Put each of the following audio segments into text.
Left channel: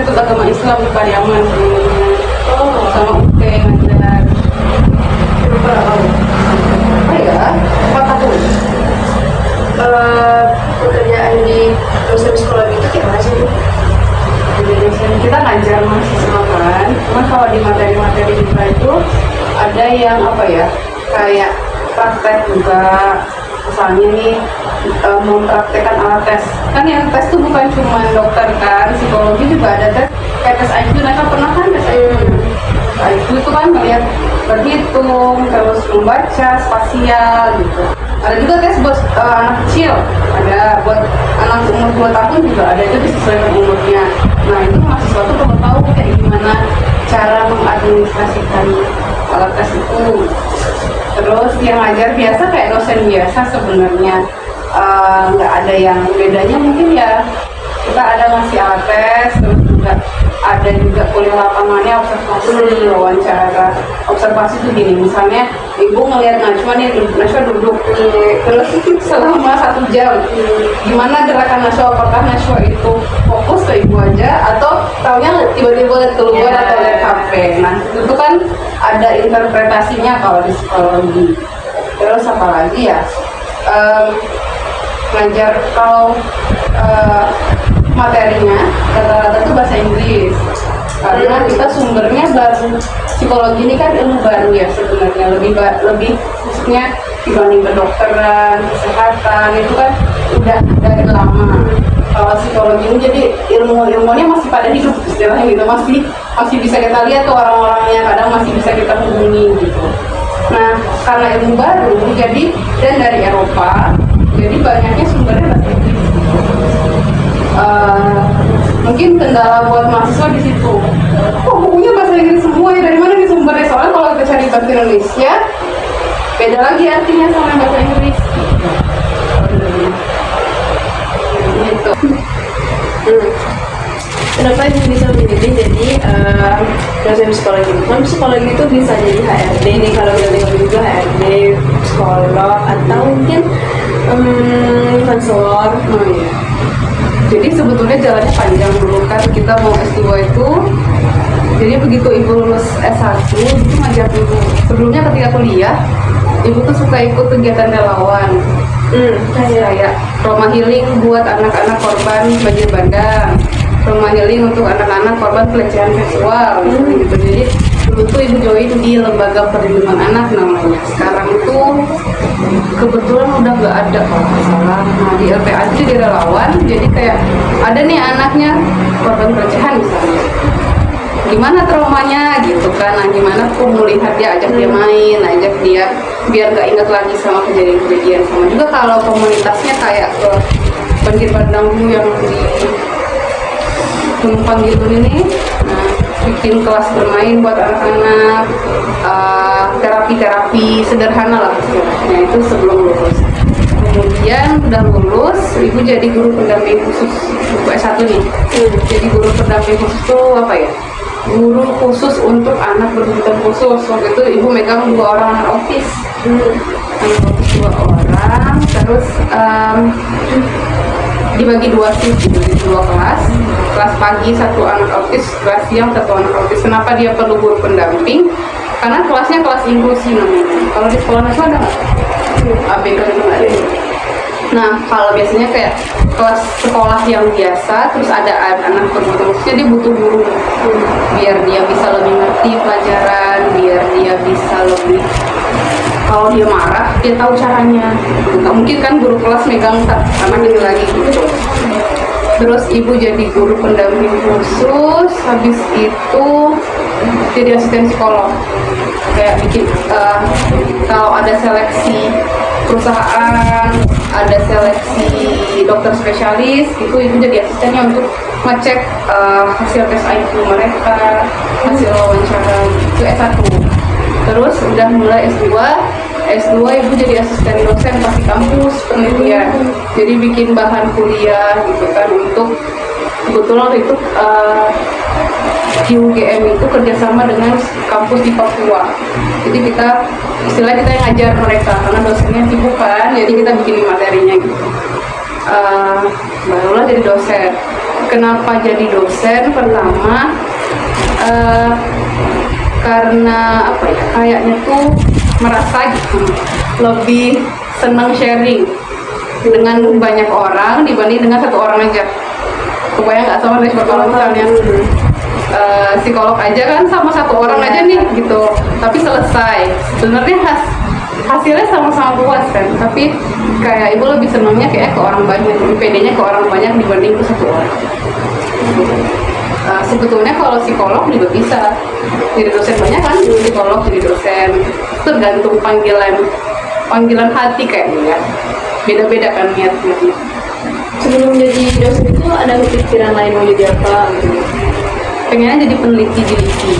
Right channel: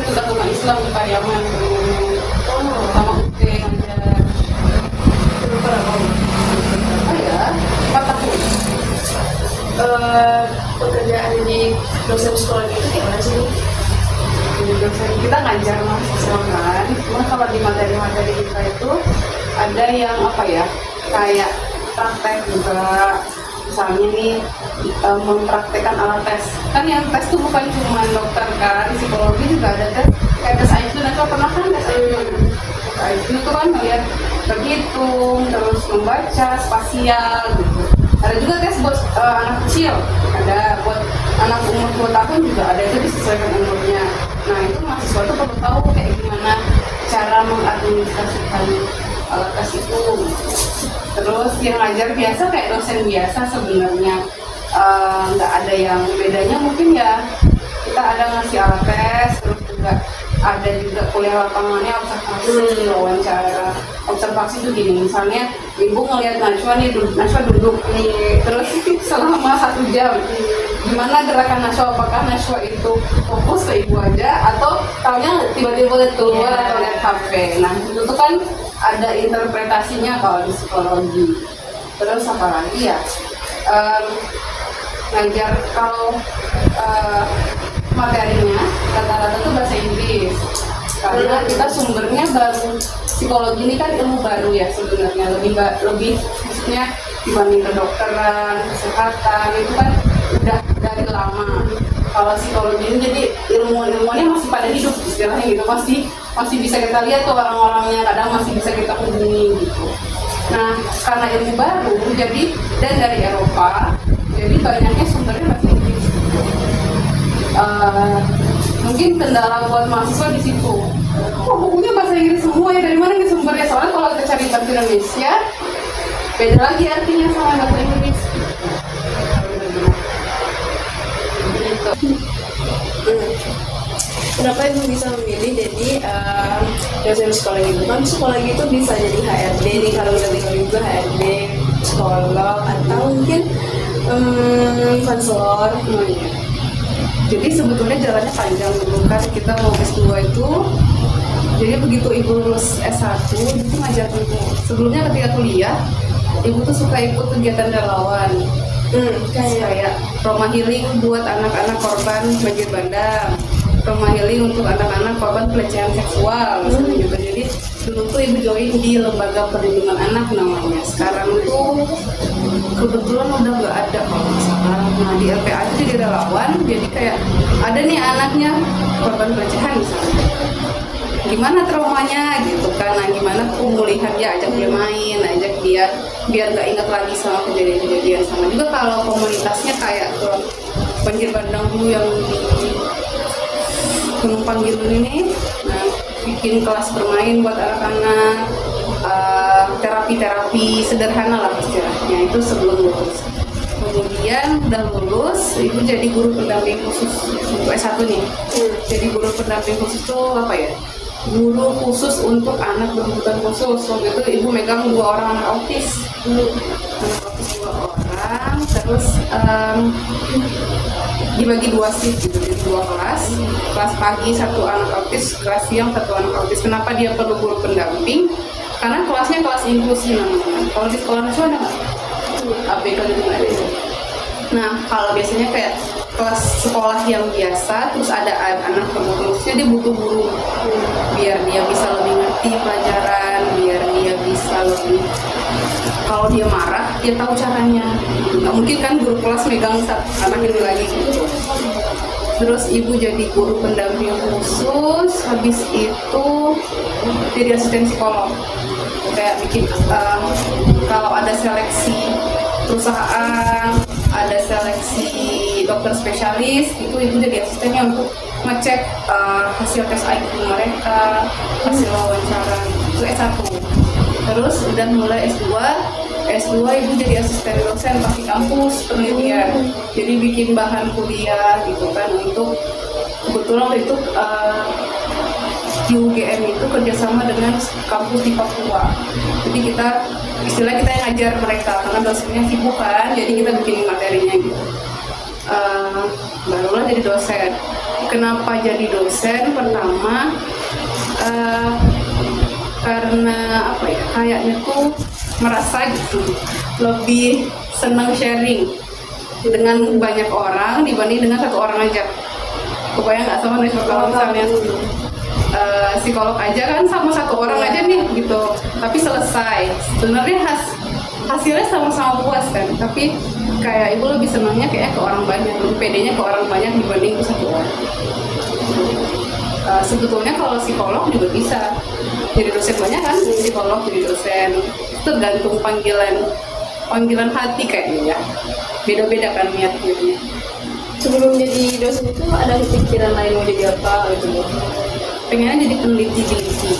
Institut Agama Islam di Pariaman sebelumnya. Sama UT ngajar. Oh ya, 4 tahun. Pekerjaan di dosen sekolah itu gimana sih? Kita ngajar mahasiswa kan, cuma kalau di materi-materi kita itu ada yang apa ya, kayak praktek juga. Misalnya nih mempraktekkan alat tes, kan yang tes tuh bukan cuma dokter kan, psikologi juga ada tes, kayak tes IQ. Nah, pernah kan tes IQ? IQ itu kan melihat berhitung, terus membaca spasial gitu. Ada juga tes buat anak kecil, ada buat anak umur 2 tahun juga ada, itu disesuaikan umurnya. Nah, itu mahasiswa tuh perlu tahu kayak gimana cara mengadministrasikan alat tes itu. Terus yang ngajar biasa kayak dosen biasa sebenarnya, nggak ada yang bedanya. Mungkin ya kita ada ngasih alat tes, terus juga ada juga kuliah lapangannya, observasi, wawancara. Observasi itu gini, misalnya ibu ngelihat Najwa nih, Najwa duduk nih, terus selama 1 jam gimana gerakan Najwa, apakah Najwa itu fokus ke ibu aja atau taunya tiba-tiba lihat keluar atau lihat HP. Nah, itu kan ada interpretasinya kalau di psikologi. Terus apa lagi ya, ngajar kalau materinya rata-rata itu bahasa Inggris karena kita sumbernya baru. Psikologi ini kan ilmu baru ya sebenarnya, lebih khususnya dibanding kedokteran, kesehatan itu kan udah dari lama. Kalau psikologi ini jadi ilmunya masih pada hidup istilahnya gitu, masih bisa kita lihat tuh orang-orangnya, kadang masih bisa kita hubungi gitu. Nah, karena ilmu baru jadi dan dari Eropa, jadi banyaknya sumbernya bahasa Inggris. Mungkin kendala buat mahasiswa di situ. Oh, bukunya bahasa Inggris semua ya, dari mana nih sumbernya? Soalnya kalau kita cari bahasa Indonesia, beda lagi artinya sama bahasa Inggris. Gitu. Kenapa ibu bisa memilih jadi dosen psikologi? Kan psikologi itu bisa jadi HRD nih, kalau kita dengar juga HRD, psikolog, atau mungkin konselor. Oh, iya. Jadi sebetulnya jalannya panjang dulu kan, kita mau S2 itu. Jadi begitu ibu lulus S1, itu ngajar dulu. Sebelumnya ketika kuliah, ibu tuh suka ikut kegiatan relawan. Kayak rumah healing buat anak-anak korban banjir bandang, rumah healing untuk anak-anak korban pelecehan seksual, gitu. Jadi dulu tuh ibu join di lembaga perlindungan anak namanya. Sekarang tuh kebetulan udah nggak ada kalau nggak salah. Nah, di LPA itu jadi relawan, jadi kayak ada nih anaknya korban pelecehan misalnya, gimana traumanya gitu kan. Nah, gimana pemulihan dia, ajak dia main, ajak dia biar nggak ingat lagi sama kejadian-kejadian. Sama juga kalau komunitasnya kayak ke banjir bandang dulu yang di Gunung Panggilun ini, nah, bikin kelas bermain buat anak-anak, terapi-terapi sederhana lah istilahnya, itu sebelum lulus. Kemudian udah lulus, ibu jadi guru pendamping khusus untuk S1 nih. Jadi guru pendamping khusus itu apa ya? Guru khusus untuk anak berkebutuhan khusus. Waktu itu ibu megang 2 orang anak autis. Anak autis 2 orang, terus dibagi 2 shift gitu, jadi 2 kelas. Kelas pagi 1 anak autis, kelas siang 1 anak autis. Kenapa dia perlu guru pendamping? Karena kelasnya kelas inklusi namanya. Kalau di sekolah nasional ada nggak? ABK itu nggak ada. Nah, kalau biasanya kayak kelas sekolah yang biasa, terus ada anak berkebutuhan khususnya, dia butuh guru biar dia bisa lebih ngerti pelajaran, biar dia bisa lebih, kalau dia marah dia tahu caranya. Nggak mungkin kan guru kelas megang anak ini lagi gitu. Terus ibu jadi guru pendamping khusus, habis itu jadi asisten psikolog. Kayak bikin kalau ada seleksi perusahaan, ada seleksi dokter spesialis, itu ibu jadi asistennya untuk ngecek hasil tes IQ mereka, hasil wawancara, itu S1. Terus udah mulai S2 ibu jadi asisten dosen pas di kampus penelitian, jadi bikin bahan kuliah gitu kan. Untuk kebetulan itu di UGM itu kerjasama dengan kampus di Papua, jadi kita istilahnya kita yang ngajar mereka karena dosennya sibuk kan, jadi kita bikin materinya gitu. Barulah jadi dosen. kenapa jadi dosen? Pertama, karena apa ya, kayaknya tuh merasa lebih senang sharing dengan banyak orang dibanding dengan satu orang aja. Kebayang nggak sama dari kalau misalnya psikolog aja kan sama satu orang aja nih gitu, tapi selesai. Sebenarnya hasilnya sama-sama puas kan, tapi kayak ibu lebih senangnya kayak ke orang banyak, lebih pedenya ke orang banyak dibanding ke satu orang. Sebetulnya kalau psikolog juga bisa jadi dosen banyak kan, psikolog jadi dosen, tergantung panggilan hati kayaknya ya. Beda-beda kan niatnya. Sebelum jadi dosen itu ada kepikiran lain mau jadi apa gitu? Pengennya jadi peneliti di LIPI.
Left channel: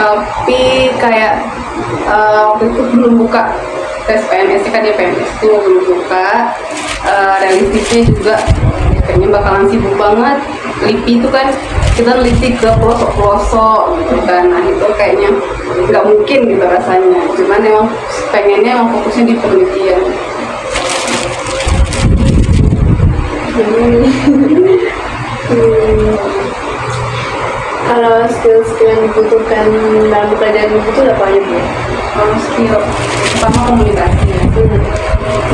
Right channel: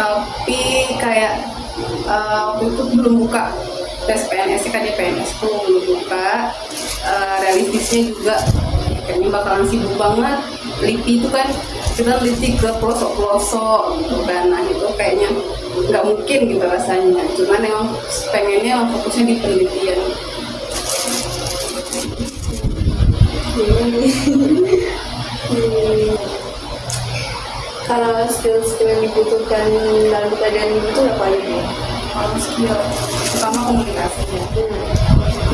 Tapi kayak waktu itu belum buka tes PNS kan, ya PNS itu belum buka. Realistisnya juga ya, kayaknya bakalan sibuk banget. LIPI itu kan kita neliti ke pelosok-pelosok gitu kan, nah itu kayaknya nggak mungkin gitu rasanya. Cuman emang pengennya fokusnya di penelitian. Kalau skill-skill yang dibutuhkan dalam pekerjaan ibu itu apa aja ya? Kalau skill pertama komunikasinya.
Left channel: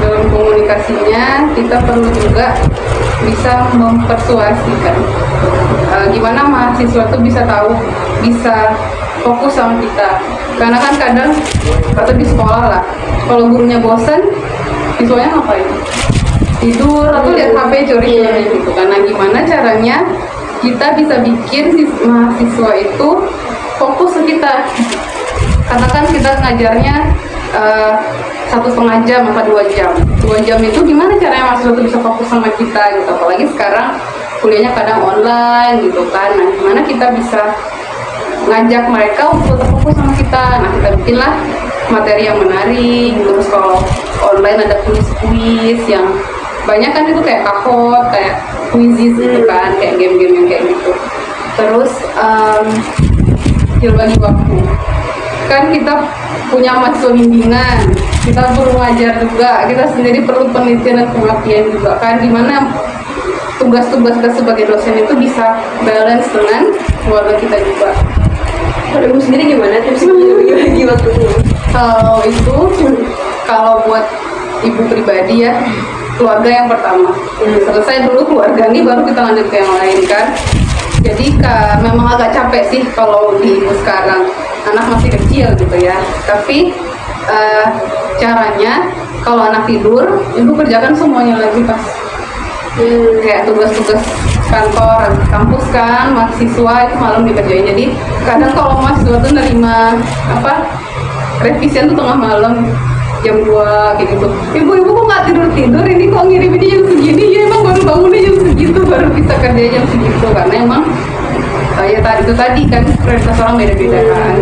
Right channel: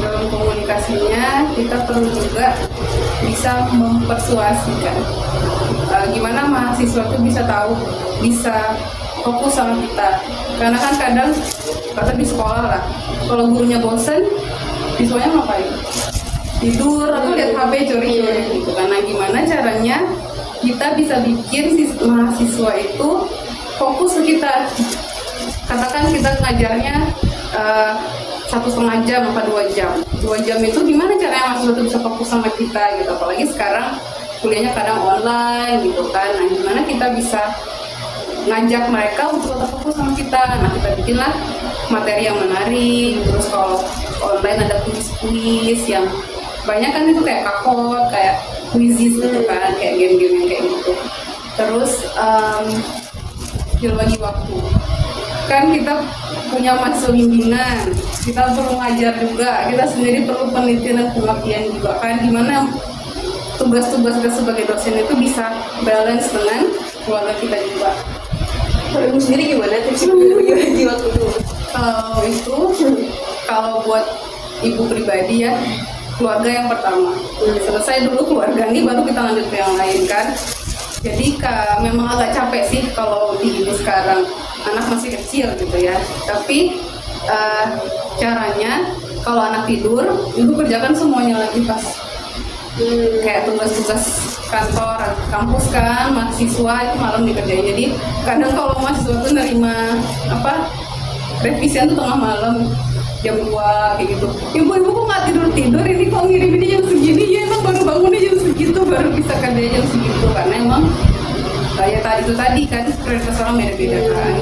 Dalam komunikasinya kita perlu juga bisa mempersuasikan. Gimana mahasiswa tuh bisa tahu, bisa fokus sama kita. Karena kan kadang atau di sekolah lah, kalau gurunya bosan, siswanya ngapain? Tidur atau lihat HP curi-curi gitu. Karena gimana caranya kita bisa bikin mahasiswa itu fokus ke kita. Katakan kita ngajarnya 1,5 jam apa 2 jam. 2 jam itu gimana caranya mahasiswa itu bisa fokus sama kita gitu. Apalagi sekarang kuliahnya kadang online gitu kan. Nah, gimana kita bisa ngajak mereka untuk terfokus sama kita. Nah, kita bikinlah materi yang menarik. Terus kalau online ada kuis-kuis yang banyak kan, itu kayak kahot, kayak quizzes gitu kan, kayak game-game yang kayak gitu. Terus skill bagi waktu. Kan kita punya mahasiswa bimbingan, kita perlu ngajar juga, kita sendiri perlu penelitian dan pengabdian juga kan. Gimana tugas-tugas kita sebagai dosen itu bisa balance dengan keluarga kita juga. Kalau ibu sendiri gimana tipsnya bagi waktunya? Kalau buat ibu pribadi ya, keluarga yang pertama. Selesai dulu keluarga nih, baru kita lanjut ke yang lain kan. Jadi memang agak capek sih kalau di ibu sekarang, anak masih kecil gitu ya. Tapi caranya kalau anak tidur, ibu kerjakan semuanya lagi pas. Kayak tugas-tugas kantor, kampus kan, mahasiswa itu malam dikerjain. Jadi kadang kalau mahasiswa tuh nerima revisian tuh tengah malam, jam 2 kayak gitu. Ibu kok nggak tidur ini, kok ngiriminnya jam segini? Ya emang baru bangunnya jam segitu, baru bisa kerja jam segitu. Karena emang ya itu tadi kan prioritas orang beda-beda kan.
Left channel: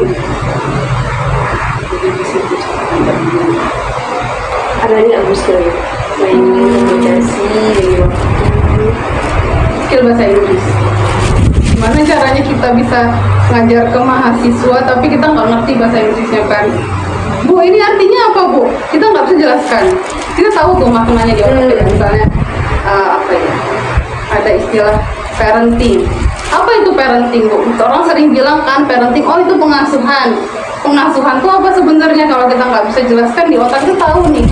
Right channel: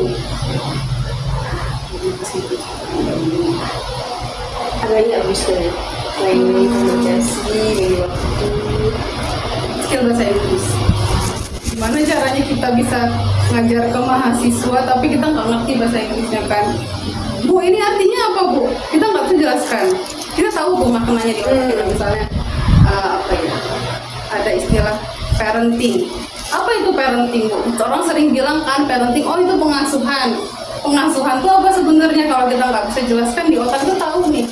Adanya abis dari lain komunikasi, skill bahasa Inggris. Gimana caranya kita bisa ngajar ke mahasiswa tapi kita nggak ngerti bahasa Inggrisnya kan? Bu, ini artinya apa, Bu? Kita nggak bisa jelaskan. Kita tahu tuh maknanya di otak kita. Misalnya ada istilah parenting. Apa itu parenting, Bu? Orang sering bilang kan parenting, oh itu pengasuhan. Pengasuhan itu apa sebenarnya? Kalau kita nggak bisa jelaskan, di otak itu tahu nih.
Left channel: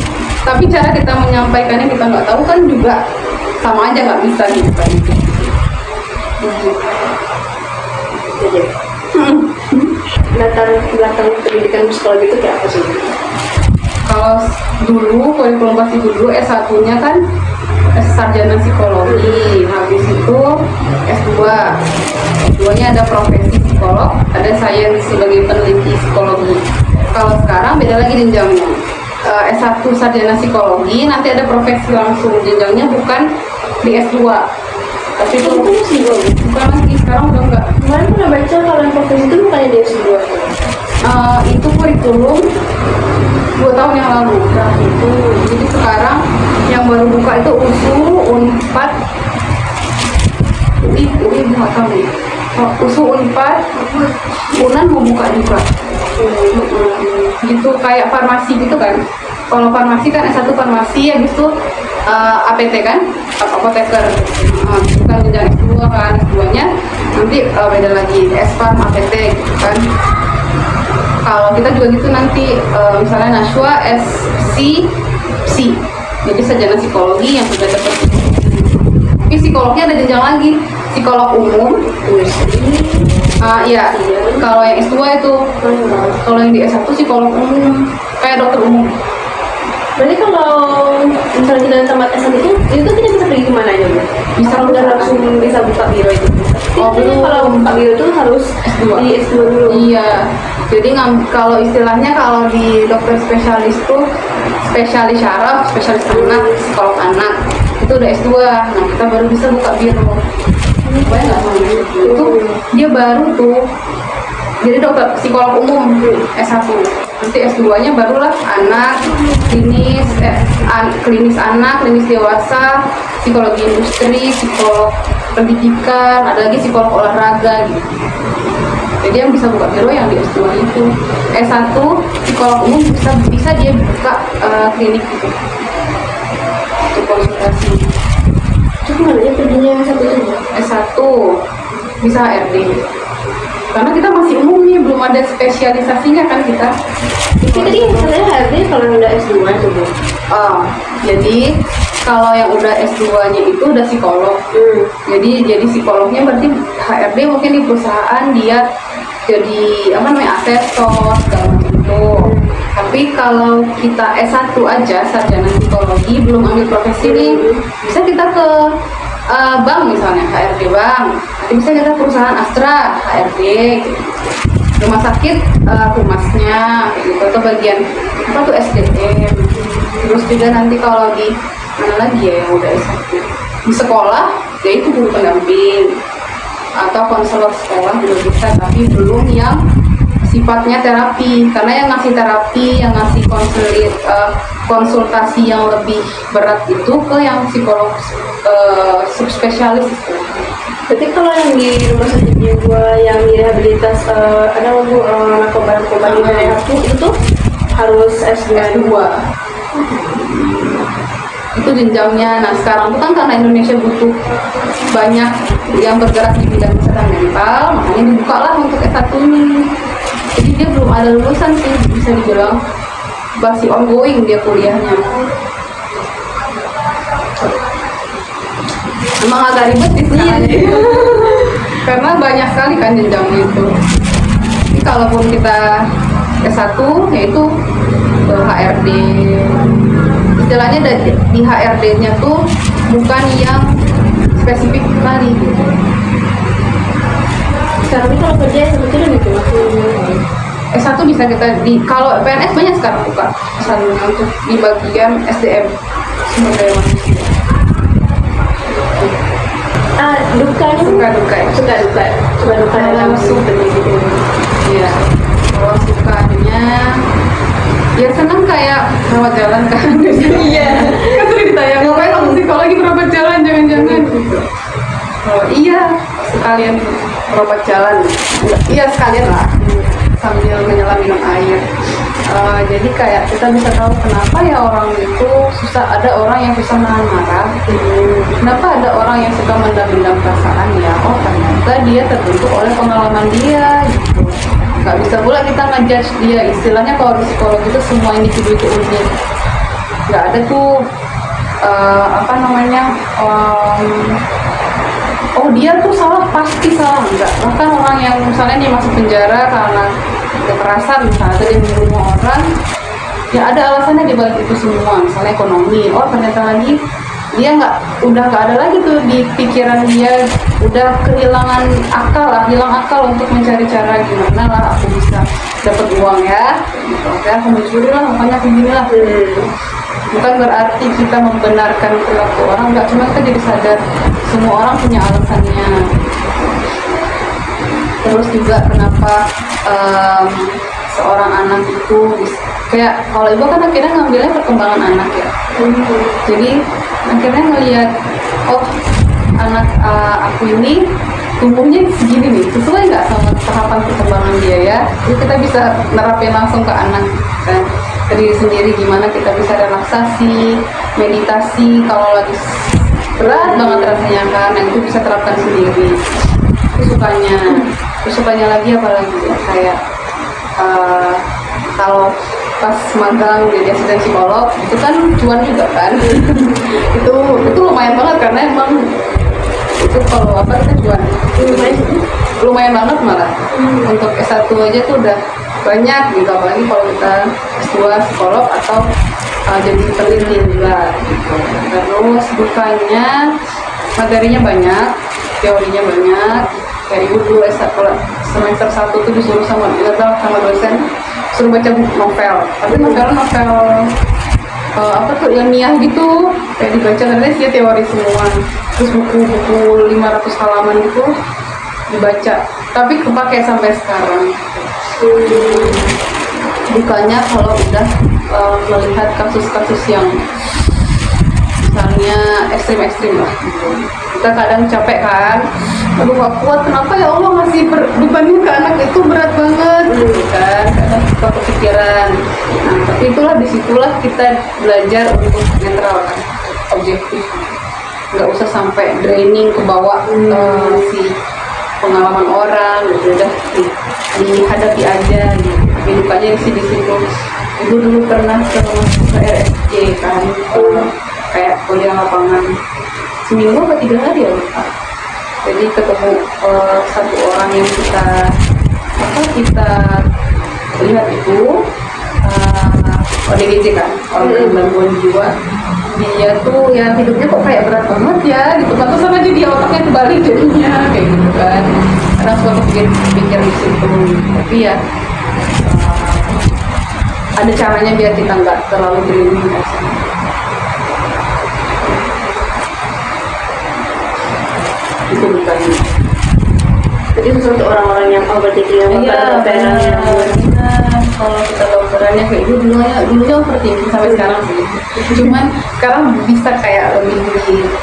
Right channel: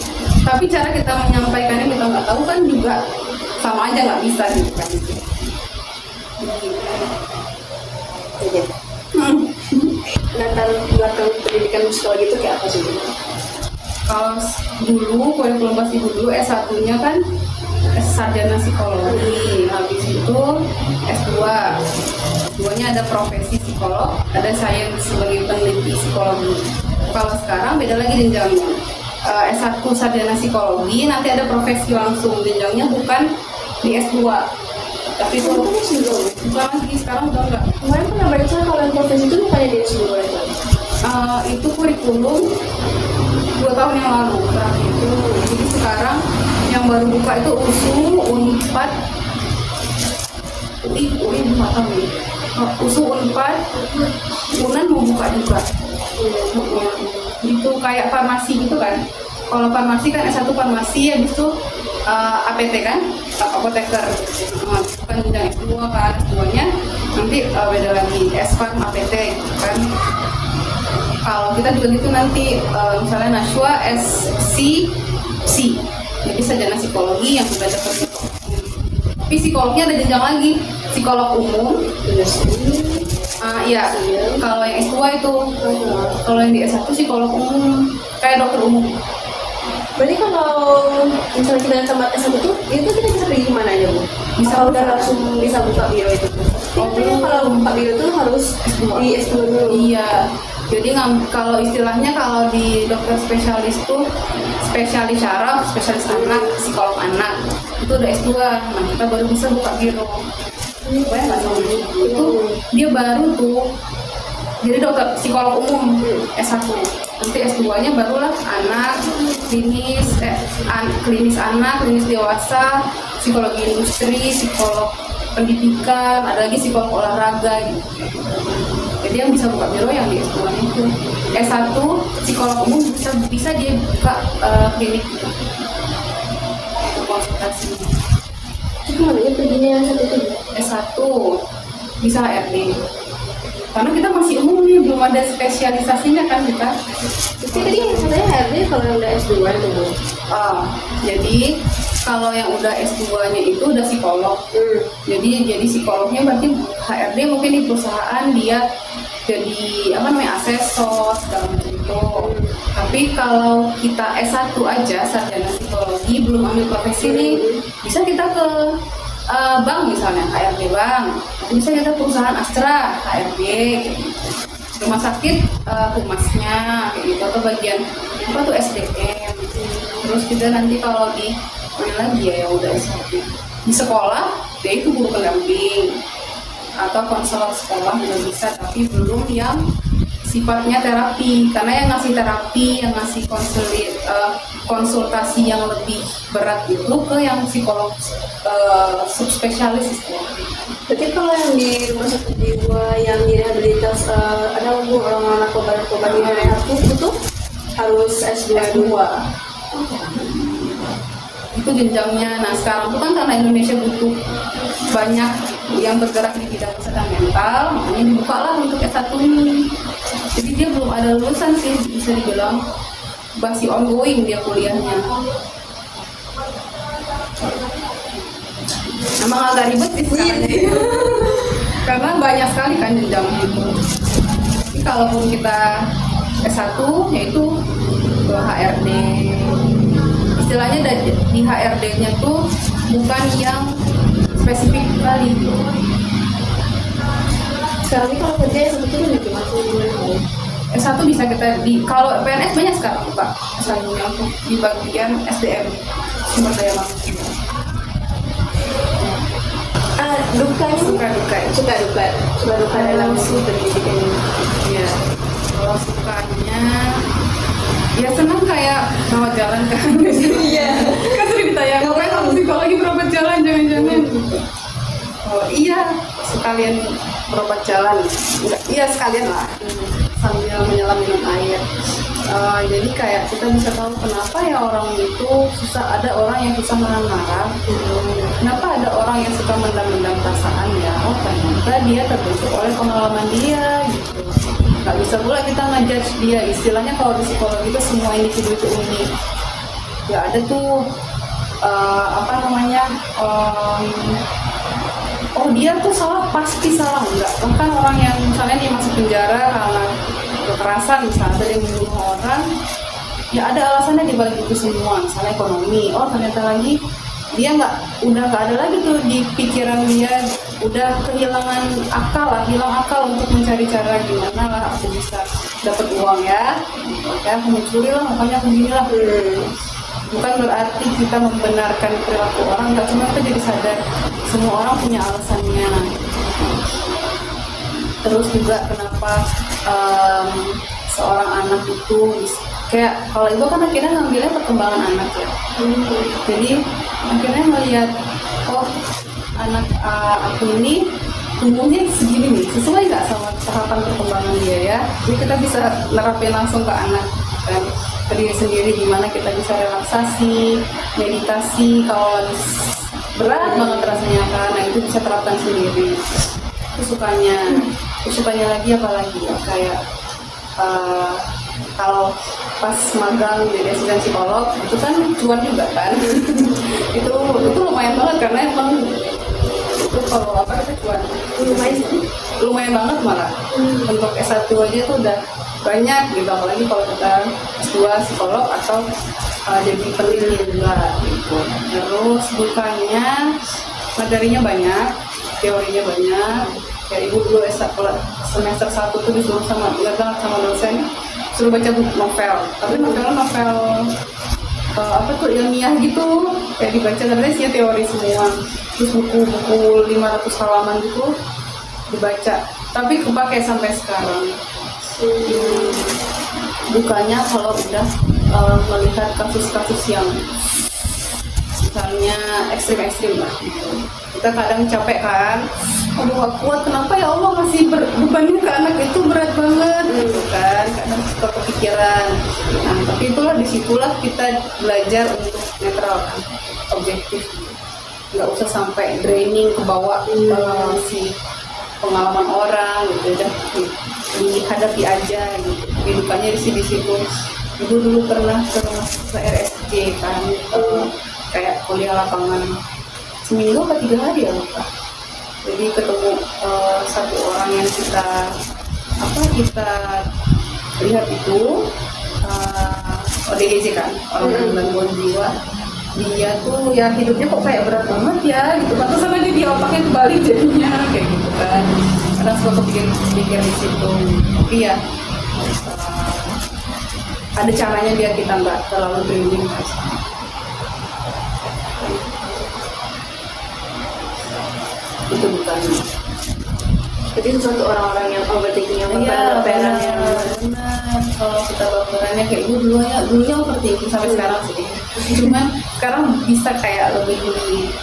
Tapi cara kita menyampaikannya kita nggak tahu kan juga sama aja nggak bisa gitu kan. belakang pendidikan psikologi itu kayak apa sih? Kalau dulu kurikulum pasti dulu S1-nya kan sarjana psikologi, habis itu S2. S2-nya ada profesi psikolog, ada sains sebagai peneliti psikologi. Kalau sekarang beda lagi jenjangnya. S1 sarjana psikologi, nanti ada profesi langsung, jenjangnya bukan di S2. Tapi itu bukan lagi, sekarang udah enggak. Kemarin pernah baca kalau yang profesi itu bukannya di S2. Itu kurikulum 2 tahun yang lalu. Nah, itu. Jadi sekarang yang baru buka itu USU, UNPAD, UI nggak tahu nih. USU, UNPAD, UNAN mau buka juga. Gitu kayak farmasi gitu kan. Kalau farmasi kan S1 farmasi, habis itu APT kan, apoteker. Bukan jenjang S2 kan, S2-nya nanti beda lagi, S-Farm, APT gitu kan. Kalau kita juga gitu nanti, misalnya Nashwa SC, jadi sarjana psikologi yang sudah dapat. Tapi psikolognya ada jenjang lagi, psikolog umum. Iya, kalau yang S2 itu, kalau yang di S1 psikolog umum, kayak dokter umum. Berarti kalau misalnya kita di tempat S1 itu kita bisa pergi kemana aja ya? Bisa Kalau udah perusahaan. langsung bisa buka biro itu. Oh, Tapi belum. kalau buka biro itu harus S2. di S2 dulu. Iya, jadi kalau istilahnya kalau di dokter spesialis tuh spesialis syaraf, spesialis anak, psikolog anak itu udah S2. Nah kita baru bisa buka biro. Pokoknya nggak sama itu dia baru tuh jadi dokter psikolog umum S1. Nanti S2-nya barulah anak, klinis anak, klinis dewasa, psikologi industri, psikolog pendidikan, ada lagi psikolog olahraga gitu. Jadi yang bisa buka biro yang di S2 itu. S1 psikolog umum bisa dia buka klinik gitu. Untuk konsultasi. Cuma aja perginya satu itu. S1 bisa HRD. Karena kita masih umum nih, belum ada spesialisasinya kan kita. Jadi katanya HRD kalau yang udah S2 itu Bu. Jadi kalau yang udah S2-nya itu udah psikolog. Jadi psikolognya berarti HRD mungkin di perusahaan dia jadi asesor segala macam itu. Tapi kalau kita S1 aja sarjana psikologi belum ambil profesi nih, bisa kita ke bank misalnya, HRD bank. Nanti bisa kita perusahaan Astra, HRD gitu. Rumah sakit humasnya kayak gitu, atau bagian SDM. Terus juga nanti kalau di mana lagi ya yang udah S1 di sekolah, yaitu guru pendamping atau konselor sekolah juga bisa, tapi belum yang sifatnya terapi, karena yang ngasih terapi, yang ngasih konsultasi yang lebih berat itu ke yang psikolog subspesialis istilahnya. Berarti kalau yang di rumah sakit jiwa yang direhabilitas ada narkoba di daerah itu harus S2. Itu jenjangnya. Nah sekarang tuh kan karena Indonesia butuh banyak yang bergerak di bidang kesehatan mental, makanya dibuka lah untuk S1 nih. Jadi dia belum ada lulusan sih, bisa dibilang masih ongoing dia kuliahnya. Emang agak ribet sih sekarang. Karena banyak sekali kan jenjangnya itu. Jadi kalaupun kita S1 yaitu HRD. Istilahnya di HRD-nya tuh bukan yang spesifik kali gitu. Sekarang ini kalau kerja sebetulnya gitu. S1 bisa kita kalau PNS banyak sekarang buka S1-nya untuk di bagian SDM, sumber daya manusia. Suka duka dalam pendidikan. Iya. Kalau sukanya ya senang kayak rawat jalan kan. Iya. Kan sering ditanya, ngapain kamu psikologi berobat jalan, jangan-jangan gitu. Oh, iya, sekalian berobat jalan. Iya, sekalian lah. Sambil menyelam minum air. Jadi kayak kita bisa tahu kenapa ya orang itu ada orang yang susah menahan marah. Kenapa ada orang yang suka mendam-dam perasaan ya? Oh ternyata dia terbentuk oleh pengalaman dia gitu. Gak bisa pula kita ngejudge dia. Istilahnya kalau di psikologi itu semua individu itu unik. Gak ada tuh oh dia tuh salah, pasti salah. Enggak. Bahkan orang yang misalnya dia masuk penjara karena kekerasan, misalnya dia membunuh orang, ya ada alasannya di balik itu semua. Misalnya ekonomi. Oh ternyata lagi dia udah nggak ada lagi tuh di pikiran dia, udah kehilangan akal lah, hilang akal untuk mencari cara gimana lah aku bisa dapat uang ya. Oke, aku mencuri lah, makanya aku gini lah. Bukan berarti kita membenarkan perilaku orang, nggak, cuma kita jadi sadar semua orang punya alasannya. Terus juga kenapa seorang anak itu kayak kalau ibu kan akhirnya ngambilnya perkembangan anak ya. Jadi akhirnya ngelihat oh anak aku ini tumbuhnya segini nih, sesuai nggak sama tahapan perkembangan dia ya. Jadi kita bisa nerapin langsung ke anak kan, ke diri sendiri, gimana kita bisa relaksasi, meditasi kalau lagi berat banget rasanya kan. Nah itu bisa terapkan sendiri. Sukanya lagi apalagi ya, kayak kalau pas magang jadi asisten psikolog itu kan cuan juga kan. itu lumayan banget karena emang itu kalau apa kita cuan lumayan banget malah. Untuk S1 aja tuh udah banyak gitu, apalagi kalau kita S2 psikolog atau jadi peneliti juga gitu. Terus dukanya materinya banyak, teorinya banyak. Kayak ibu dulu S1 semester 1 tuh disuruh sama dosen suruh baca buku novel, tapi novel apa tuh yang niah gitu, kayak dibaca karena sih teori semua. Terus buku 500 halaman itu dibaca, tapi kepake sampai sekarang. Dukanya kalau udah melihat kasus-kasus yang misalnya ekstrim-ekstrim lah gitu. Kita kadang capek kan, aduh gak kuat, kenapa ya Allah masih bebannya ke anak itu berat banget gitu kan, kadang suka kepikiran. Nah tapi itulah, disitulah kita belajar untuk netral kan, objektif, nggak usah sampai draining ke bawah si pengalaman orang gitu, udah dihadapi aja gitu. Tapi dukanya sih di situ. Ibu dulu pernah ke RSJ kan, kayak kuliah lapangan seminggu atau 3 hari ya lupa. Jadi ketemu satu orang yang kita lihat itu ODGJ kan, orang dengan gangguan jiwa. Dia tuh ya hidupnya kok kayak berat banget ya gitu, pantesan aja dia otaknya kebalik jadinya kayak gitu kan. Karena suatu pikir di situ. Tapi ya ada caranya biar kita nggak terlalu draining kan. Itu bukan. Jadi sesuatu orang-orang yang overthinking yang Iya, kalau kita dokterannya kayak ibu dulunya overthinking sampai sekarang sih. Cuman sekarang bisa kayak lebih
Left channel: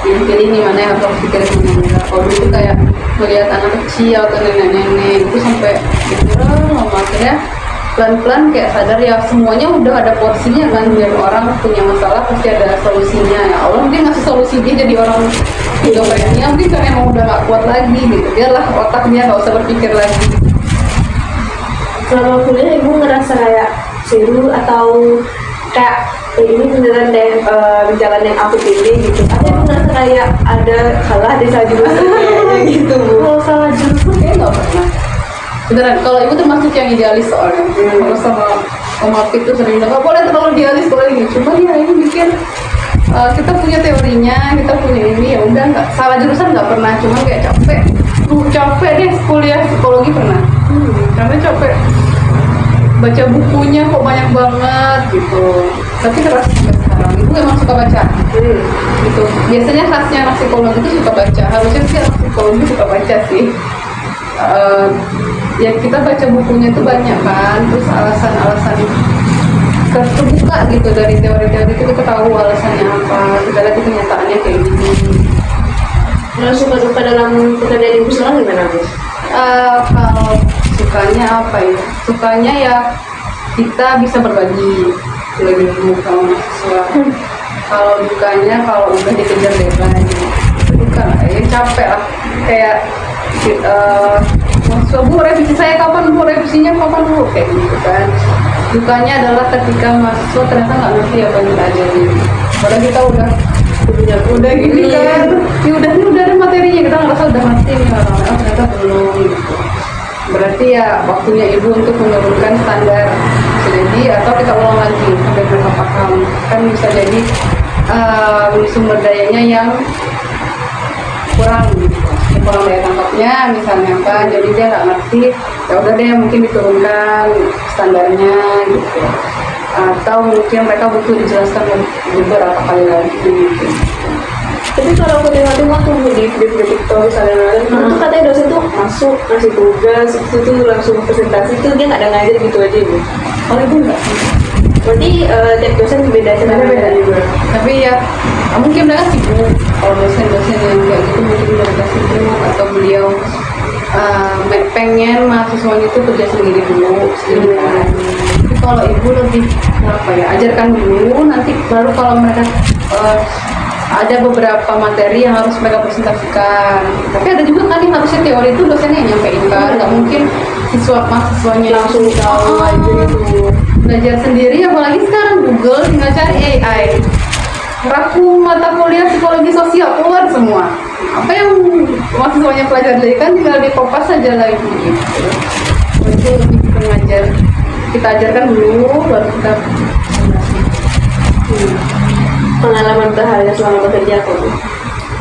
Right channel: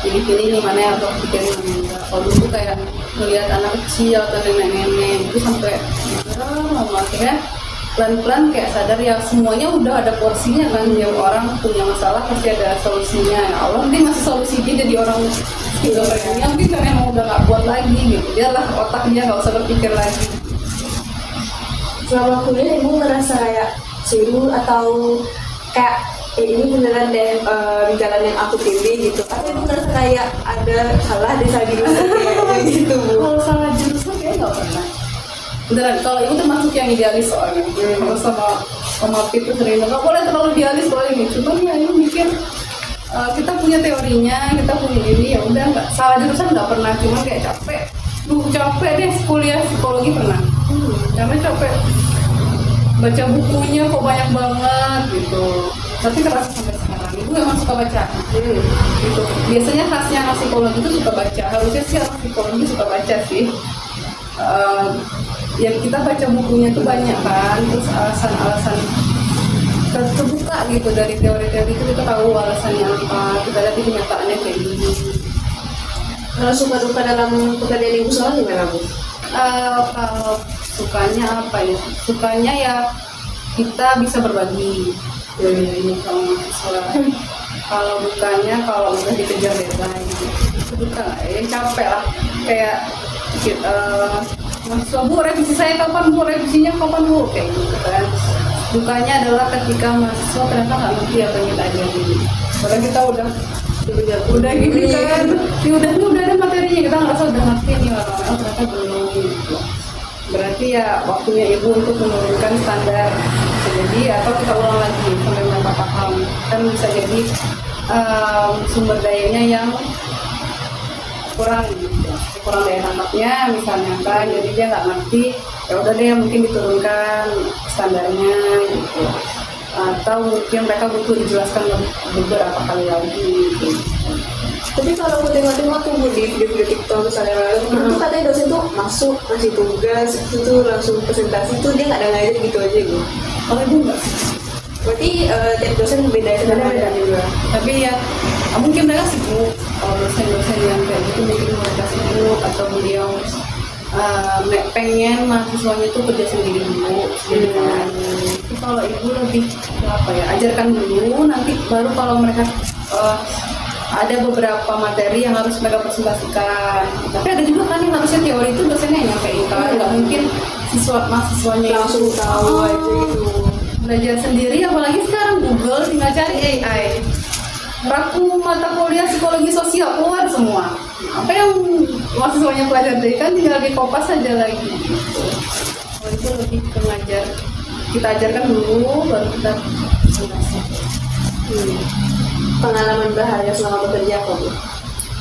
pilih nih mana yang harus pikirin mana enggak. Kalau dulu kayak melihat anak kecil atau nenek-nenek itu sampai lama akhirnya pelan-pelan kayak sadar ya semuanya udah ada porsinya kan. Yang orang punya masalah pasti ada solusinya. Ya Allah mungkin masih solusi dia jadi orang skizofrenia, mungkin kan emang udah gak kuat lagi gitu. Biarlah otaknya gak usah berpikir lagi. Kalau kuliah ibu ngerasa kayak seru atau kayak ini beneran deh jalan yang aku pilih gitu, atau ibu ngerasa kayak ada salah di salah jurusan kayaknya gitu? Kalau salah jurusan kayaknya gak pernah. Beneran, kalau ibu termasuk yang idealis soalnya. Kalau sama Fit tuh sering nggak boleh terlalu idealis boleh gitu. Cuman ya ibu mikir kita punya teorinya, kita punya ini, ya udah nggak salah jurusan nggak pernah. Cuma kayak capek deh kuliah psikologi pernah. Karena capek baca bukunya kok banyak banget gitu. Tapi terasa sampai sekarang ibu emang suka baca. Gitu. Biasanya khasnya anak psikologi itu suka baca. Harusnya sih anak psikologi suka baca sih. Ya kita baca bukunya tuh banyak kan, terus alasan-alasan terbuka gitu dari teori-teori itu kita tahu alasannya apa, kita lihat kenyataannya kayak gitu. Kalau suka-suka dalam pekerjaan ibu sekarang gimana Bu? Kalau sukanya apa ya? Sukanya ya kita bisa berbagi ilmu sama mahasiswa. Kalau dukanya kalau udah dikejar deadline itu duka lah, ya capek lah. Kayak mahasiswa, Bu revisi saya kapan, Bu revisinya kapan, Bu, kayak gitu kan. Dukanya adalah ketika mahasiswa ternyata nggak ngerti apa yang kita ajarin. Padahal kita udah gini kan, ini udah ada materinya, kita ngerasa udah ngerti nih, orang-orang ternyata belum gitu. Berarti ya waktunya ibu untuk menurunkan standar. Jadi atau kita ulang lagi sampai mereka paham. Kan bisa jadi sumber dayanya yang kurang daya tangkapnya misalnya apa, jadi dia nggak ngerti, ya udah deh mungkin diturunkan standarnya gitu, atau mungkin mereka butuh dijelaskan beberapa kali lagi gitu. Tapi kalau kuliah itu mau tunggu di TikTok misalnya, itu katanya dosen tuh masuk ngasih tugas itu tuh langsung presentasi tuh dia nggak ada ngajar gitu aja Bu. Kalau itu enggak sih, Berarti tiap dosen beda beda juga. Tapi ya mungkin mereka sibuk. Kalau dosen-dosen yang kayak gitu mungkin mereka sibuk, atau beliau pengen mahasiswanya itu kerja sendiri dulu. Tapi kalau ibu lebih apa ya, ajarkan dulu, nanti baru kalau mereka ada beberapa materi yang harus mereka presentasikan. Tapi ada juga kan yang harusnya teori itu dosennya yang nyampein kan, nggak mungkin mahasiswanya Langsung tahu aja itu. belajar sendiri. Apalagi sekarang Google tinggal cari AI, raku mata kuliah psikologi sosial keluar semua. Apa yang mahasiswanya pelajari kan tinggal dikopas saja lagi gitu. Itu lebih ke ngajar, kita ajarkan dulu baru kita Pengalaman berharga selama bekerja kok,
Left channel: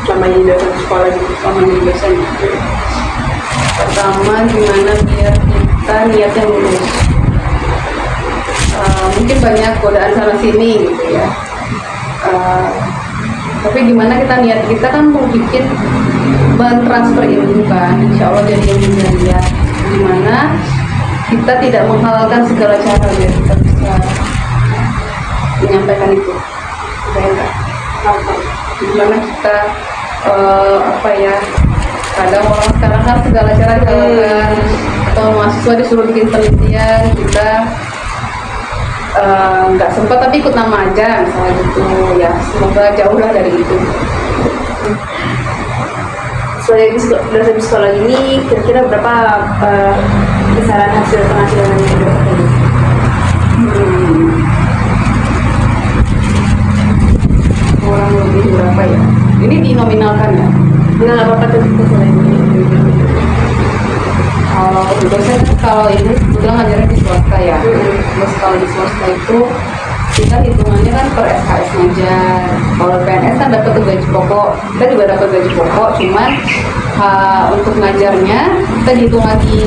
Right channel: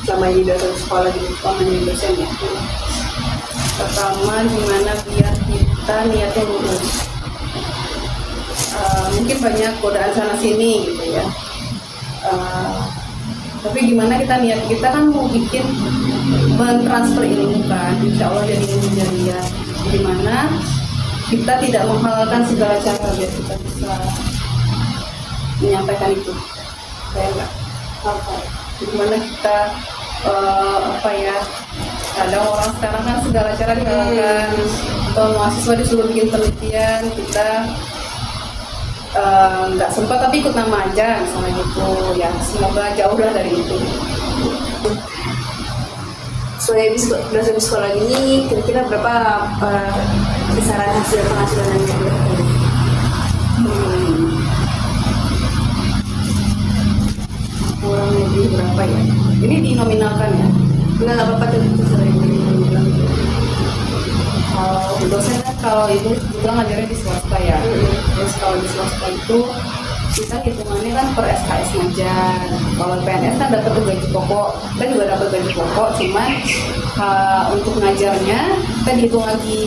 selama di dosen sekolah gitu. pengalaman dosen. Pertama, gimana biar kita niatnya lulus. Mungkin banyak godaan sana sini gitu ya. Tapi gimana kita niat kita kan mau bikin transfer ilmu kan, insya Allah dari ilmu dia. Gimana kita tidak menghalalkan segala cara biar kita bisa menyampaikan itu. Baik, gimana kita apa ya? Kadang orang sekarang kan segala cara dihalalkan, atau mahasiswa disuruh bikin penelitian, kita nggak sempat tapi ikut nama aja misalnya gitu ya. Semoga jauh lah dari itu. Sebagai dosen sekolah ini kira-kira berapa kisaran hasil penghasilannya itu? Kurang lebih berapa ya? Ini dinominalkan ya? Nggak apa-apa tuh kisaran ini. Kalau ini kebetulan ngajarnya di swasta ya. Terus kalau di swasta itu kita hitungannya kan per SKS ngajar. Kalau PNS kan dapat gaji pokok, kita juga dapat gaji pokok, cuman untuk ngajarnya kita dihitung lagi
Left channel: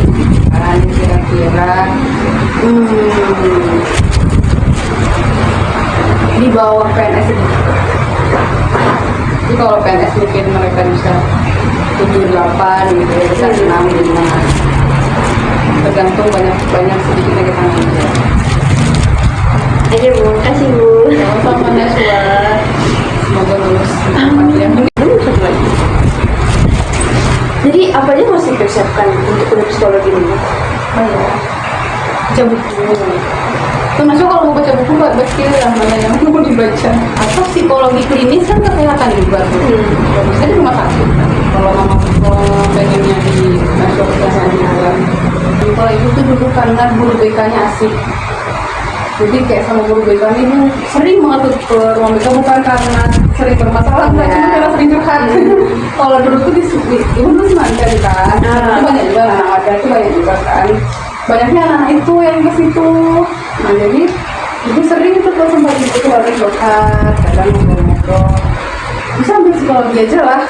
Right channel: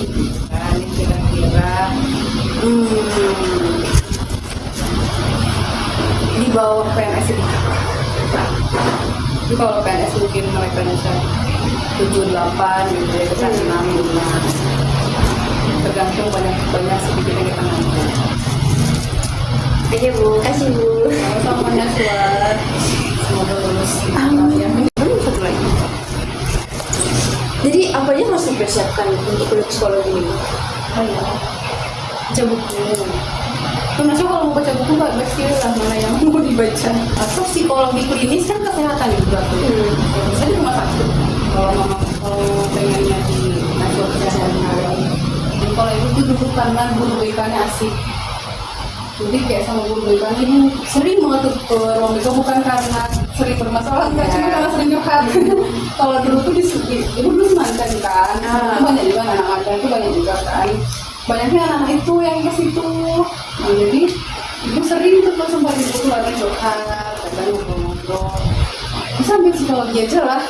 kan kira-kira di bawah PNS itu. Jadi kalau PNS mungkin mereka bisa 7-8 gitu ya, bisa 6-5, tergantung banyak sedikitnya kita ngajar. Ayo Bu, kasih Bu. Sama Neswa, semoga lulus. Jadi apa aja harus dipersiapkan untuk kuliah psikologi ini? Baca buku. Termasuk kalau mau baca buku, pasti lah mana yang mau dibaca. Atau psikologi klinis kan kesehatan juga tuh. Saya di rumah sakit. Kalau mama pengennya di masuk kesehatan juga. Kalau itu tuh dulu karena guru BK-nya asik. Jadi kayak sama guru BK ini sering banget tuh ke ruang BK, bukan karena sering bermasalah, enggak, cuma karena sering curhat. Kalau dulu tuh ibu dulu semangka kan, banyak juga anak ada tuh banyak juga kan. Banyaknya anak itu yang ke situ. Nah jadi ibu sering tuh kalau sempat ibu tuh kadang curhat, kadang ngobrol-ngobrol. Bisa ambil psikologi aja lah,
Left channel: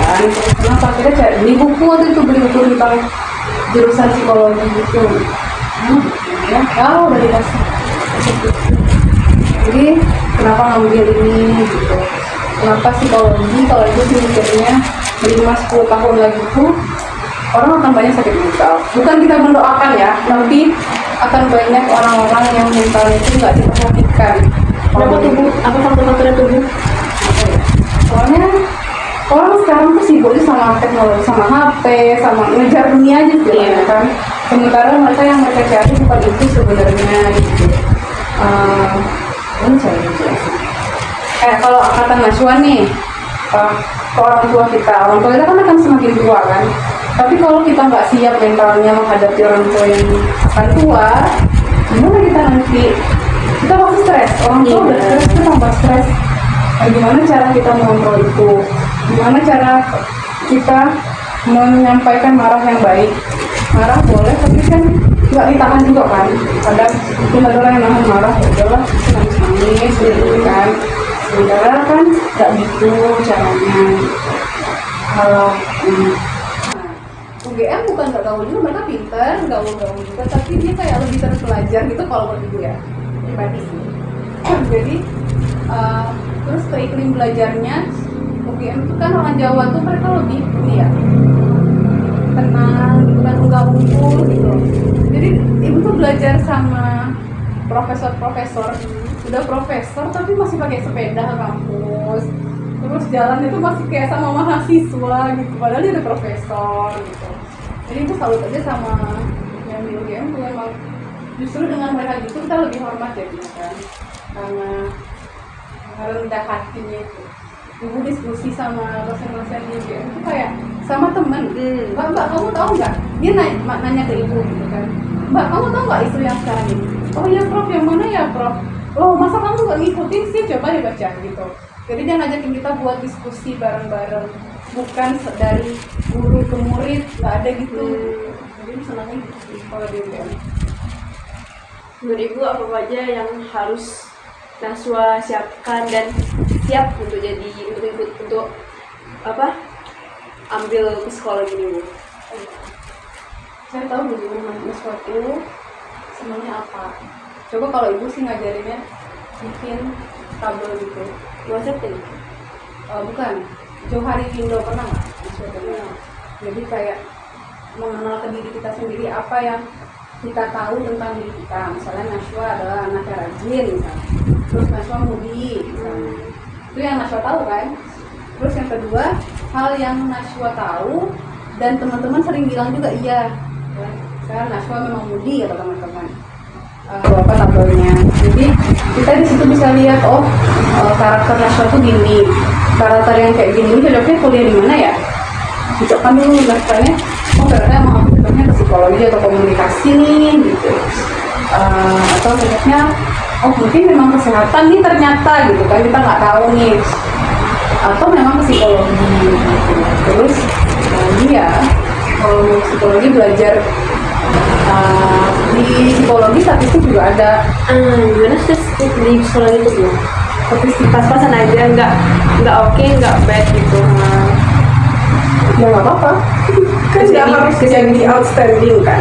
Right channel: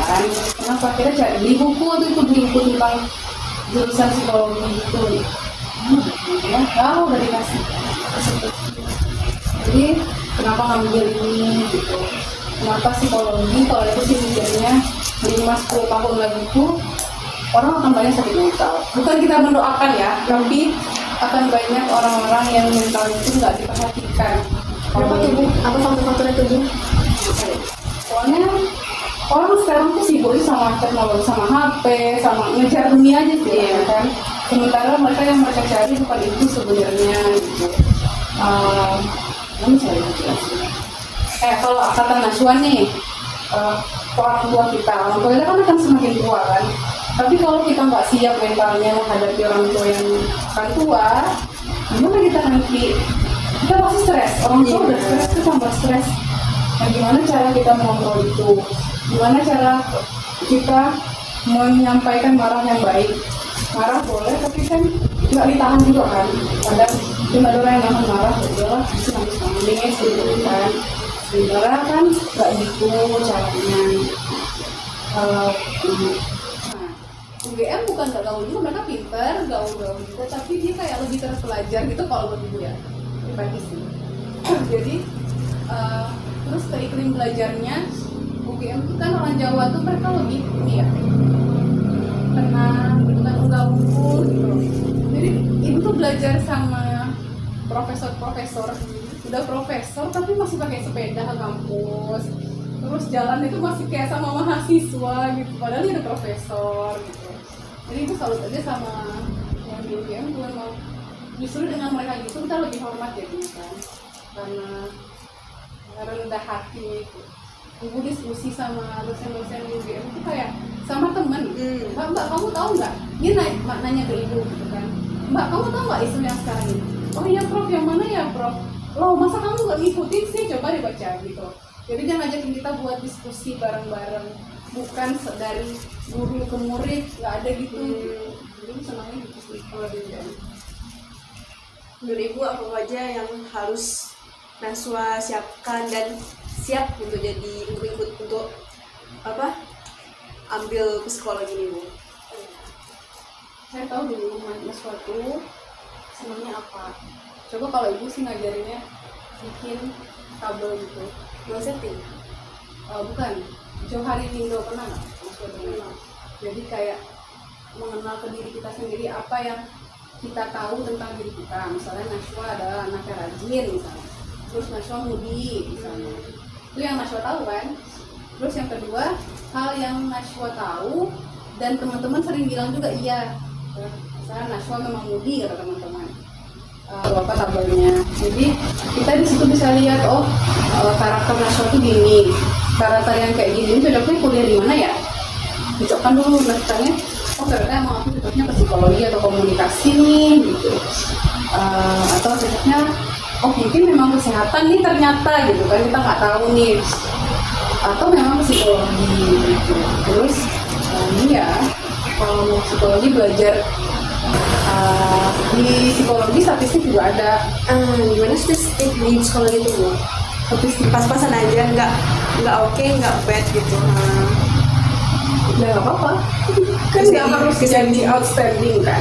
kan. Kenapa kita beli buku waktu itu, beli buku tentang jurusan psikologi gitu. Ya, udah dikasih. Jadi kenapa ngambil ini gitu? Kenapa psikologi? Kalau itu sih mikirnya 5-10 tahun lagi tuh orang akan banyak sakit mental. Bukan kita mendoakan ya, tapi akan banyak orang-orang yang mentalnya itu nggak diperhatikan. Kenapa tubuh? Apa faktor-faktornya tubuh? Soalnya orang sekarang tuh sibuknya sama teknologi, sama HP, sama ngejar dunia aja sih kan. Sementara mereka yang mereka cari bukan itu sebenarnya gitu. Ini saya jelasin. Kalau angkatan Naswan nih, ke orang tua kita kan akan semakin tua kan. Tapi kalau kita nggak siap mentalnya menghadapi orang tua yang akan tua, gimana kita nanti? Kita pasti stres. Orang tua udah stres, kita tambah stres. Gimana cara kita mengontrol itu? Gimana cara kita menyampaikan marah yang baik? Marah boleh, tapi kan nggak ditahan juga kan. Kadang mungkin ada orang yang nahan marah, ya udahlah, bisa nangis gitu kan. Sementara kan nggak gitu caranya. Kalau UGM bukan nggak gaul juga, mereka pintar, gaul-gaul juga, tapi dia kayak lebih terpelajar gitu kalau buat ibu ya, pribadi sih. Jadi terus ke iklim belajarnya, UGM itu kan orang Jawa tuh mereka lebih ini ya, tenang gitu kan, nggak ngumpul gitu. Jadi ibu tuh belajar sama profesor-profesor, udah profesor tapi masih pakai sepeda ke kampus, terus jalan itu masih kayak sama mahasiswa gitu, padahal dia udah profesor gitu. Jadi itu salut aja sama yang di UGM tuh, emang justru dengan mereka gitu kita lebih hormat ya gitu kan, karena rendah hatinya itu. ibu diskusi sama dosen-dosen UGM itu kayak sama temen, mbak kamu tahu nggak? Dia nanya ke ibu gitu kan, mbak kamu tahu nggak isu yang sekarang ini? Oh iya prof, yang mana ya prof? Loh masa kamu nggak ngikutin sih, coba dibaca gitu. Jadi dia ngajakin kita buat diskusi bareng-bareng, bukan dari guru ke murid, nggak ada gitu. Jadi senangnya gitu sih kalau di UGM. Menurut ibu apa aja yang harus Najwa siapkan dan siap untuk ikut untuk ambil psikologi ini bu? Saya tahu dulu Najwa itu senangnya apa. Coba kalau ibu sih ngajarinnya bikin kabel gitu. Mau setting? Bukan. Johari Window pernah nggak? Najwa pernah. Jadi kayak mengenal ke diri kita sendiri, apa yang kita tahu tentang diri kita. Misalnya Najwa adalah anak yang rajin misalnya, terus Najwa mudi misalnya, itu yang Najwa tahu kan. Terus yang kedua, hal yang Najwa tahu dan teman-teman sering bilang juga iya ya. Misalnya Najwa memang mudi kata teman-teman, apa tabelnya. Jadi kita di situ bisa lihat karakter Najwa tuh gini, karakter yang kayak gini cocoknya kuliah di mana ya, cocokkan dulu daftarnya. Ternyata emang aku cocoknya ke psikologi atau komunikasi gitu, atau cocoknya mungkin memang kesehatan nih ternyata gitu kan, kita nggak tahu nih, atau memang psikologi gitu. Terus ya kalau psikologi belajar di psikologi statistik juga ada. Gimana statistik di psikologi itu bu? Statistik Pas-pasan aja, nggak oke, nggak bad gitu. ya nggak apa-apa kan, nggak harus jadi outstanding kan.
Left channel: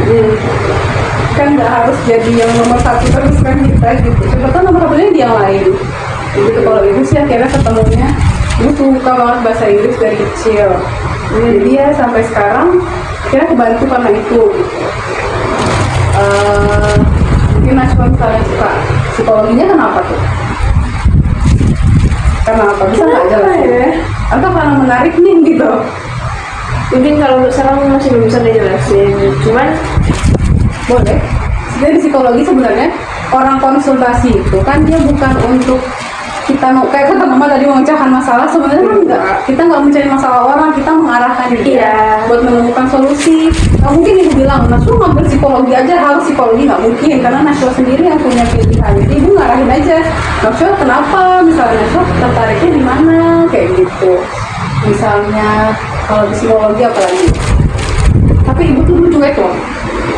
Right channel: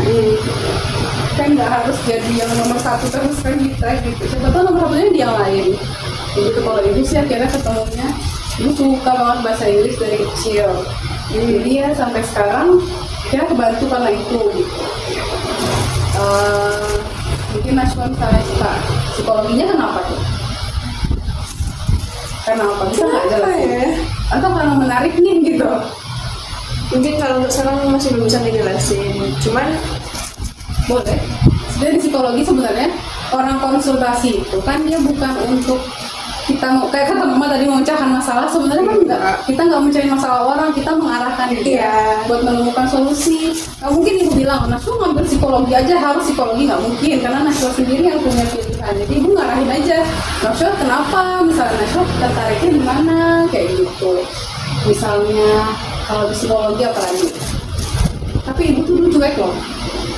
Kan nggak harus jadi yang nomor satu terus kan kita gitu, siapa tahu nomor satunya dia yang lain gitu. Kalau ibu sih akhirnya ketemunya, ibu suka banget bahasa Inggris dari kecil, jadi ya sampai sekarang akhirnya kebantu karena itu gitu. Mungkin Najwa misalnya suka psikologinya kenapa tuh? Kenapa? Bisa nggak jelasin? Ya? Atau karena menarik nih gitu? Mungkin kalau untuk sekarang masih belum bisa dijelasin, cuman boleh. Jadi psikologi sebenarnya orang konsultasi itu kan dia bukan untuk kita mau kayak kata mama tadi memecahkan masalah, sebenarnya kan enggak. Kita nggak mencari masalah orang, kita mengarahkan dia buat menemukan solusi. Nggak mungkin ibu bilang Najwa ngambil psikologi aja harus psikologi, nggak mungkin, karena Najwa sendiri yang punya pilihan. Jadi ibu ngarahin aja, Najwa kenapa, misalnya Najwa tertariknya di mana kayak gitu. Misalnya kalau psikologi apa lagi? Tapi ibu tuh dulu cuek loh.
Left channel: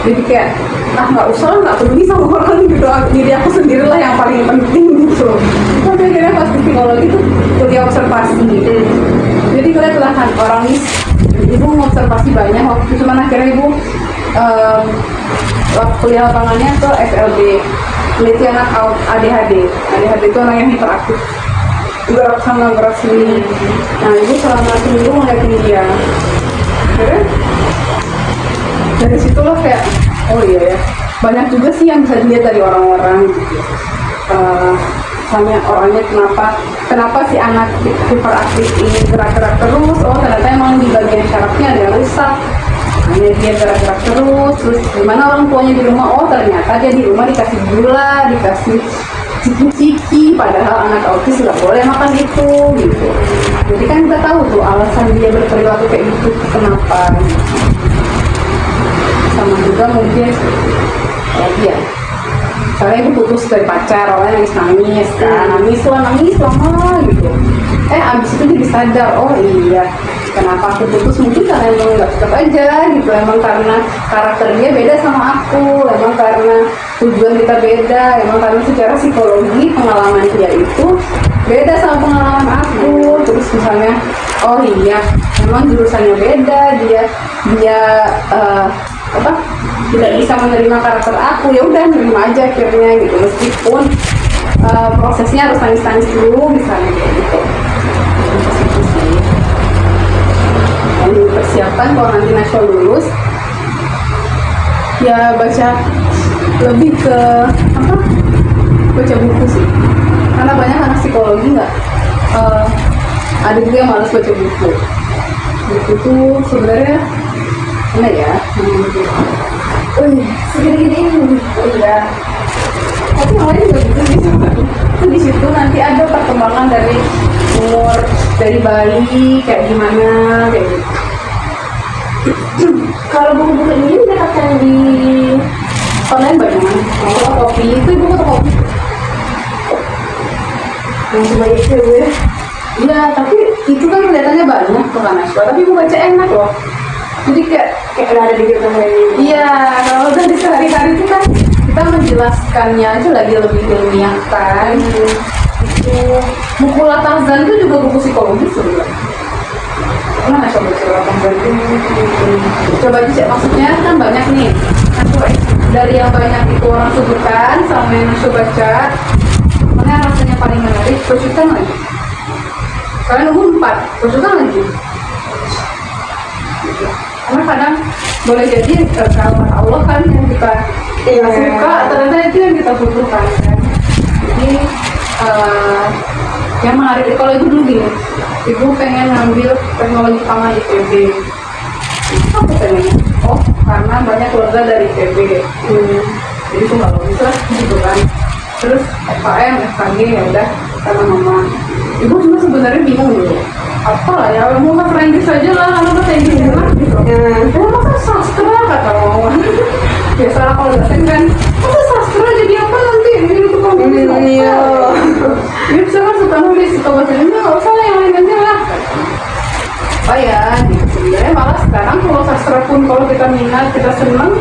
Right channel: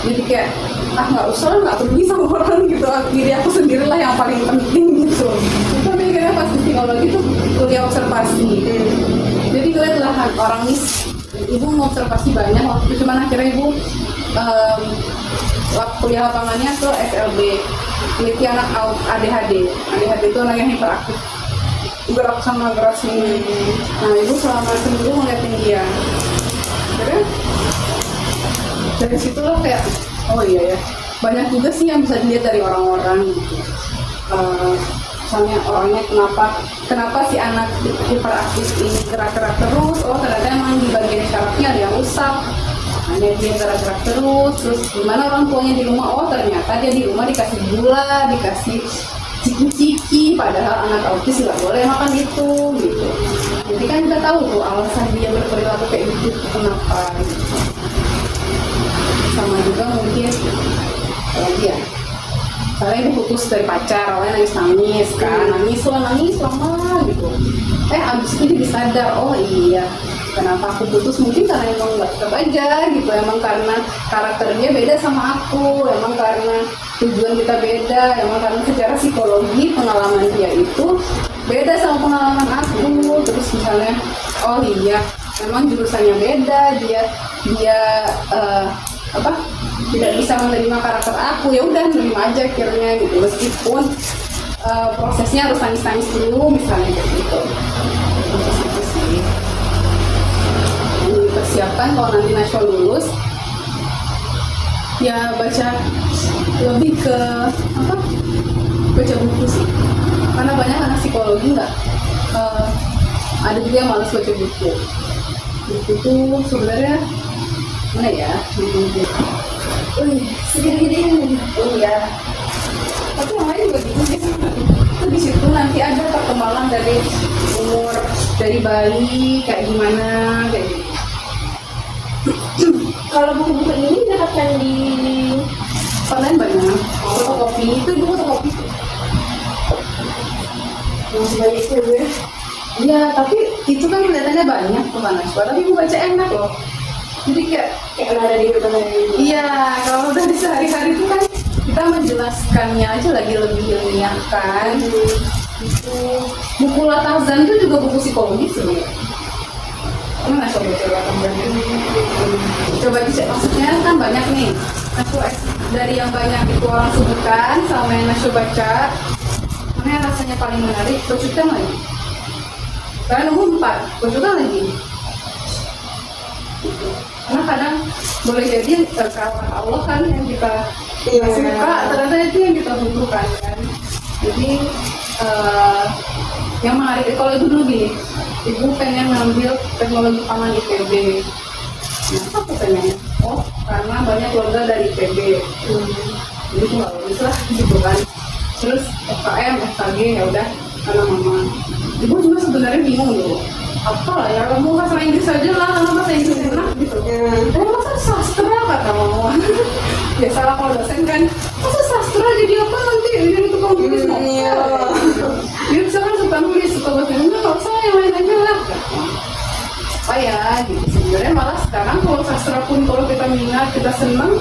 Jadi kayak nggak usah lah, nggak peduli sama orang gitu, diri aku sendiri lah yang paling penting gitu. Tapi akhirnya pas di psikologi tuh kuliah observasi. Jadi ngeliat lah kan orang ibu mengobservasi banyak waktu itu, cuman akhirnya ibu kuliah lapangannya ke SLB, peneliti anak ADHD. ADHD itu anak yang hiperaktif, gerak sama gerak sini. Nah ibu selama seminggu ngeliatin dia. Akhirnya dari situlah kayak oh iya ya, banyak juga sih yang bisa dilihat dari orang-orang gitu. Misalnya orangnya kenapa si anak hiperaktif ini gerak-gerak terus, ternyata emang di bagian syarafnya ada yang rusak, hanya dia gerak-gerak terus gimana orang tuanya di rumah, ternyata dia di rumah dikasih gula, dikasih ciki-ciki, padahal anak autis nggak boleh makan itu gitu. Jadi kan kita tahu tuh alasan dia berperilaku kayak gitu kenapa gitu. Sama juga mungkin iya, soalnya ibu putus dari pacar, awalnya nangis kan, nangis lama gitu. Abis itu jadi sadar, oh iya, kenapa aku putus, mungkin karena emang nggak cocok aja gitu, emang karena karakter dia beda sama aku, emang karena tujuan kita beda, emang karena secara psikologi pengalaman dia itu beda sama pengalaman aku. Terus misalnya, oh iya, memang jurusannya beda, dia tidak bisa menerima karakter aku, ya udah nerima aja akhirnya gitu, meskipun prosesnya harus nangis dulu misalnya kayak gitu. Itu sih yang dipersiapkan kalau nanti Najwa lulus, ya baca lebih ke baca buku sih, karena banyak anak psikologi nggak ada juga yang malas baca buku. Buku tuh sebenarnya mana ya? Segini-gini ini. Oh iya. Tapi awalnya juga gitu sih. Itu di situ nanti ada perkembangan dari umur dari bayi kayak gimana kayak gitu. Kalau buku-buku ini didapatkan di Online banyak, kopi itu ibu fotokopi. masih banyak cewek. Iya, tapi itu kan kelihatannya banyak tuh kan Nashwa, tapi ibu baca enak loh. Jadi kayak Kayak ada di kehidupan hari ini. iya, kalau udah di sehari-hari itu kan kita menjelaskannya aja lagi lebih ilmiah kan. Itu buku Latazan itu juga buku psikologi sebenarnya. Pernah nggak coba baca Latazan itu? Coba aja, maksudnya kan banyak nih. Nashwa dari yang banyak itu orang sebutkan sama yang Nashwa baca, mana yang rasanya paling menarik? Lanjutkan lagi. Kalian nunggu 4, lanjutkan lagi. Karena kadang boleh jadi kalau Allah kan yang kita suka, ternyata itu yang kita butuhkan kan. Jadi yang menarik kalau itu dulu gini, ibu pengen ngambil teknologi pangan di IPB. Apa pengen? Oh, karena banyak keluarga dari IPB. Jadi tuh kalau bisa gitu kan. Terus FKM, FKG ya udah karena mama. Ibu cuma sebenarnya bingung dulu. Apalah ya, mau bahasa Inggris aja lah, kalau bahasa Inggris enak gitu. Masa sastra kata mama. Biasa kalau dosen kan, masa sastra jadi apa nanti? Jadi tukang nulis Iya. dia bisa kan suka nulis, suka baca Inggris, nggak usah yang lain aja lah. Apa ya, gitu. Sebenarnya malah sekarang kalau sastra pun kalau kita minat, kita senang,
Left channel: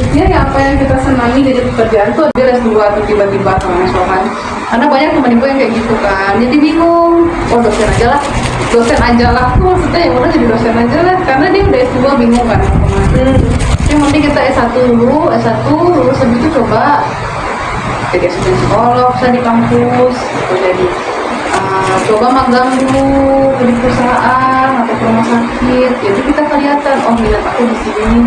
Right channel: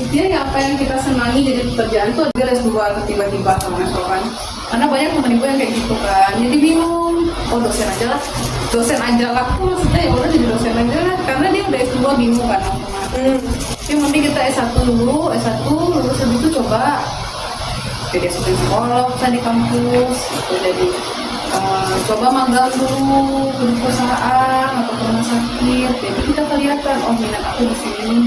intinya ya apa yang kita senangi dari pekerjaan tuh ada S2 atau tiba-tiba sama kan. Karena banyak teman ibu yang kayak gitu kan, jadi bingung. Oh dosen aja lah tuh maksudnya ya udah jadi dosen aja lah, karena dia udah S2 bingung kan. Yang penting kita S1 dulu, lulus habis itu coba jadi asisten psikolog bisa di kampus, jadi coba magang dulu di perusahaan atau ke rumah sakit, jadi kita kelihatan oh minat aku di sini.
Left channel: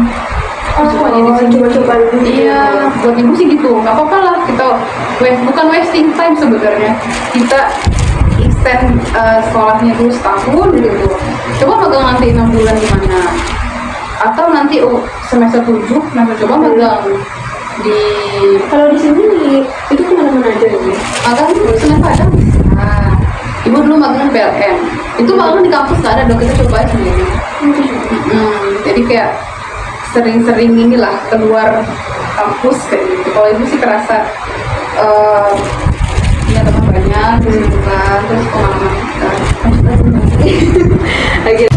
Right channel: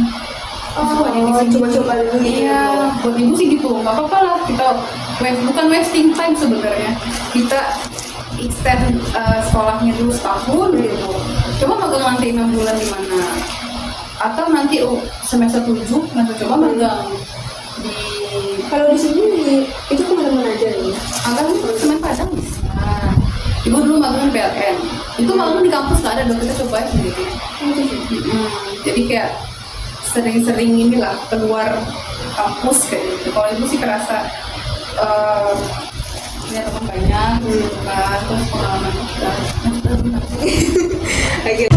Coba-coba dulu. Iya, buat ibu sih gitu, nggak apa-apa lah kita bukan wasting time sebenarnya, kita extend sekolahnya dulu setahun gitu, coba magang nanti 6 bulan di mana, atau nanti semester 7 nanti coba magang di Kalau di sini itu kemana-mana aja nih. magang Senin Padang bisa. Ibu dulu magang PLN, itu magang di kampus nggak ada, dong kita coba sendiri. Jadi kayak sering-sering inilah keluar kampus kayak gitu. Kalau ibu sih kerasa punya teman banyak gitu kan, terus pengalaman kita. Oke,